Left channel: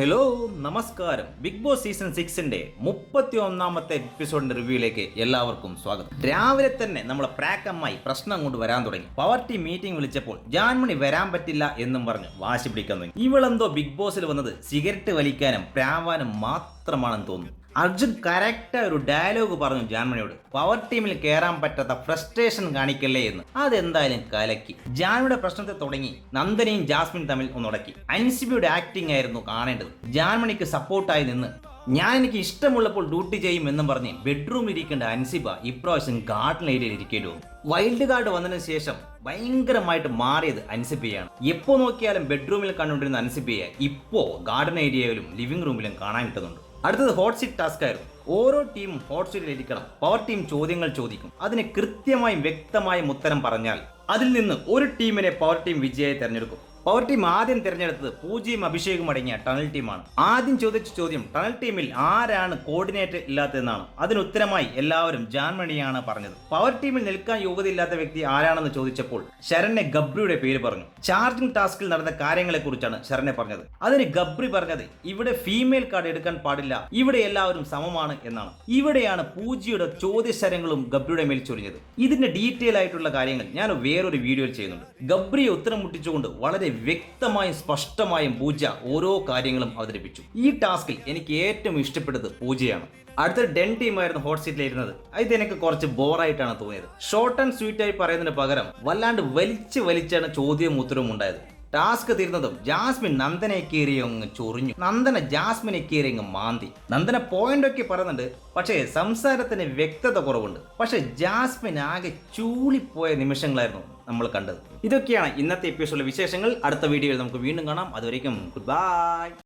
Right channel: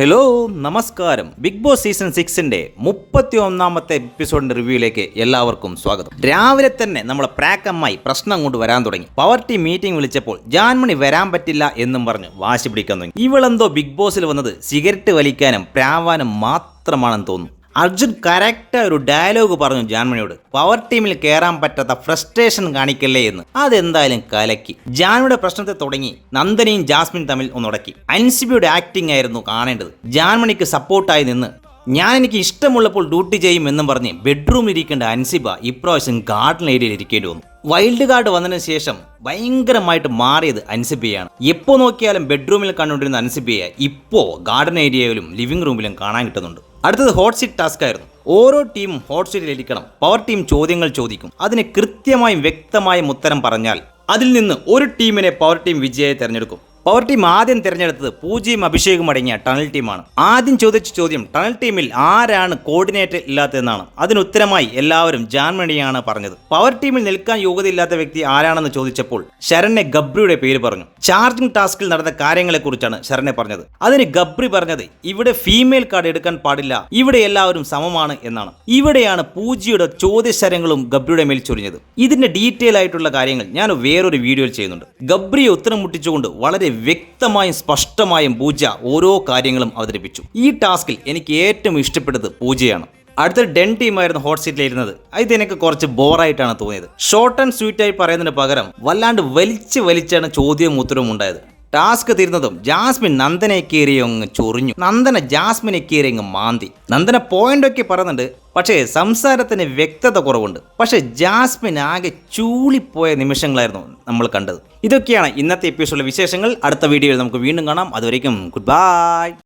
Hello നമസ്കാരം. Big boss season 6-ന്റെ 31-ാമത്തെ എപ്പിസോഡിന്റെ റിവ്യൂയിലേക്ക് എല്ലാവർക്കും സ്വാഗതം. രാവിലെ തന്നെ നമ്മളെ പ്രാക്കമ്മായി പ്രശ്നം കൊണ്ട് വരാൻ തുടങ്ങി. പവർ ടീം മീറ്റിംഗ് വിളിച്ചപ്പോൾ ജാൻമണി വരാൻ പറ്റില്ല എന്നും പറഞ്ഞ് വാശി പിടിക്കാൻ തുടങ്ങി. ഇവളെന്തോ ബിഗ് ബോസിൽ വന്നത് സിഗരറ്റ് വലിക്കാനും പ്രാവാനും മാത്രമാണെന്ന് തോന്നുന്നു. അർജുൻ കറക്റ്റ് ഒരു ഡയലോഗ് പറഞ്ഞു ജാൻമണിയോട്, പവർ ടീമിൽ കയറാൻ പറ്റാത്ത ഫ്രസ്ട്രേഷൻ കാണിക്കല്ലേ എന്ന്. അതെന്തായാലും കലക്കി. ജാൻമണിയുടെ പ്രശ്നത്തെ തുടങ്ങി നന്ദനയും ജാസ്മിൻ തമ്മിൽ ഒന്നുടക്കി. അൻസിബയുടെ ആക്ടിംഗ് ആയിരുന്നു കാണേണ്ടത്. ജാൻമണിക്ക് സപ്പോർട്ടായി നിന്ന് എനിക്ക് ഇഷ്ടമുള്ളപ്പോൾ ഡ്യൂട്ടി ചെയ്യും എന്നും പറഞ്ഞ് ബെഡ്റൂമിൽ ഇരിക്കേണ്ട അൻസിബ ഇപ്രാവശ്യം ഗാർഡൻ ഏരിയയിൽ ഇരിക്കേണ്ടി വന്നു. വൈൽഡ് കാർഡ് വന്നതിന് ശേഷം ഭയങ്കരമായിട്ട് മാറിയത് അൻസിബയാണ്. എപ്പോൾ നോക്കിയാലും ബെഡ്റൂമിൽ കണ്ടുകൊണ്ടിരുന്ന അൻസിബയെ ഇപ്പോൾ ഗാർഡൻ ഏരിയയിലും ലിവിംഗ് റൂമിലും കാണാൻ കിട്ടുന്നുണ്ട്. അടുത്തത് ഹോട്ട് സീറ്റ് ടാസ്ക് ആയിരുന്നു. ഓരോ ടീമും ഹോട്ട് സീറ്റിൽ ഇരിക്കണം. പവർ ടീം ചോദ്യങ്ങൾ ചോദിക്കും. അതിന് കൃത്യമായും വ്യക്തമായും ഉത്തരം പറഞ്ഞാൽ അതിൽ നിന്ന് ഒരു ടീമിനെ പവർ ടീം വിജയിയെ തിരഞ്ഞെടുക്കും. പവർ ടീം ആദ്യം തിരഞ്ഞെടുത്തത് പൂജയും അഭിഷേകും അടങ്ങിയ ടണൽ ടീമാണ്. ആദ്യം ചോദിച്ച ചോദ്യം ടണൽ ടീമിൽ ആരാണ് കോർഡിനേറ്റർ ഇല്ലാത്തതെന്നാണ്. അതിനുത്തരമായി എല്ലാവരും ജാൻമണിയാണ് പറഞ്ഞത്. പവർ ടീമിൽ നിൽക്കാൻ യോഗ്യതയില്ലാത്ത വ്യക്തി ആരാണെന്ന് ചോദിച്ചപ്പോൾ ശരണ്യ ഗബ്രിയുടെ പേര് പറഞ്ഞു. ചാർജിംഗ് ടാസ്കിൽ നടന്ന കാര്യങ്ങളെക്കുറിച്ചാണ് ശരണ്യ പറഞ്ഞത്. അതിന് ഗബ്രി പറഞ്ഞത് ഇവിടെ ഫീമെയിൽ കാർഡ് എടുക്കാൻ പാടില്ല, ഇവിടെ എല്ലാവരും സമമാണ് എന്നാണ്. ഇവിടെയാണ് പൂജയുടെ ചോദ്യശരങ്ങളും ഗബ്രിയുടെ മേൽ ചൊരിഞ്ഞത്. ഇതിന്റെ ഡീറ്റെയിൽ ആയിട്ടുള്ള കാര്യങ്ങൾ ഞാൻ വേറൊരു വീഡിയോയിൽ ചെയ്യുന്നുണ്ട്. ഗബ്രിയെ ഉത്തരം മുട്ടിച്ചുകൊണ്ട് വളരെ വ്യക്തമായും സ്പഷ്ടമായും പൂജ ഓരോ കാര്യങ്ങളും അവതരിപ്പിച്ചു. ഈ ടാസ്കിൽ എനിക്ക് ഏറ്റവും ഇഷ്ടപ്പെട്ടത് പൂജയാണ്. അടുത്ത ഡെൻ ടീമായിരുന്നു ഹോട്ട് സീറ്റിലിരുന്നത്. ഇത് എനിക്ക് കുറച്ച് ബോറായിട്ടാണ് തോന്നിയത്. ഷോർട്ട് ആൻഡ് സ്വീറ്റ് ആയി പറയുന്നതിന് പകരം വല്ലാണ്ട് വലിച്ചാണ് ചോദ്യവും ഉത്തരവും ഉണ്ടായത്. ടാസ്ക് തീർന്നതും ജാസ്മിൻ നന്ദനെ കയറി അങ്ങ് ചൊറിഞ്ഞു. നന്ദന ജാസ്മിനെ കയറി അങ്ങ് മാന്തി. നന്ദന പോയിന്റൊക്കെ പറയുന്നുണ്ട്, പക്ഷേ സംസാരത്തിന് വ്യക്തത കുറവുണ്ട്. പക്ഷേ ജാസ്മിൻ ആകെ ചൂളിപ്പോയ നിമിഷങ്ങളായിരുന്നു നമ്മൾ കണ്ടത്. ഇതൊക്കെയാണ് ഇന്നത്തെ എപ്പിസോഡിലെ വിശേഷങ്ങൾ. അടുത്ത വീഡിയോയിൽ നമുക്ക് വീണ്ടും കാണാം. അതുവരേക്കും ഗുഡ് ബൈ.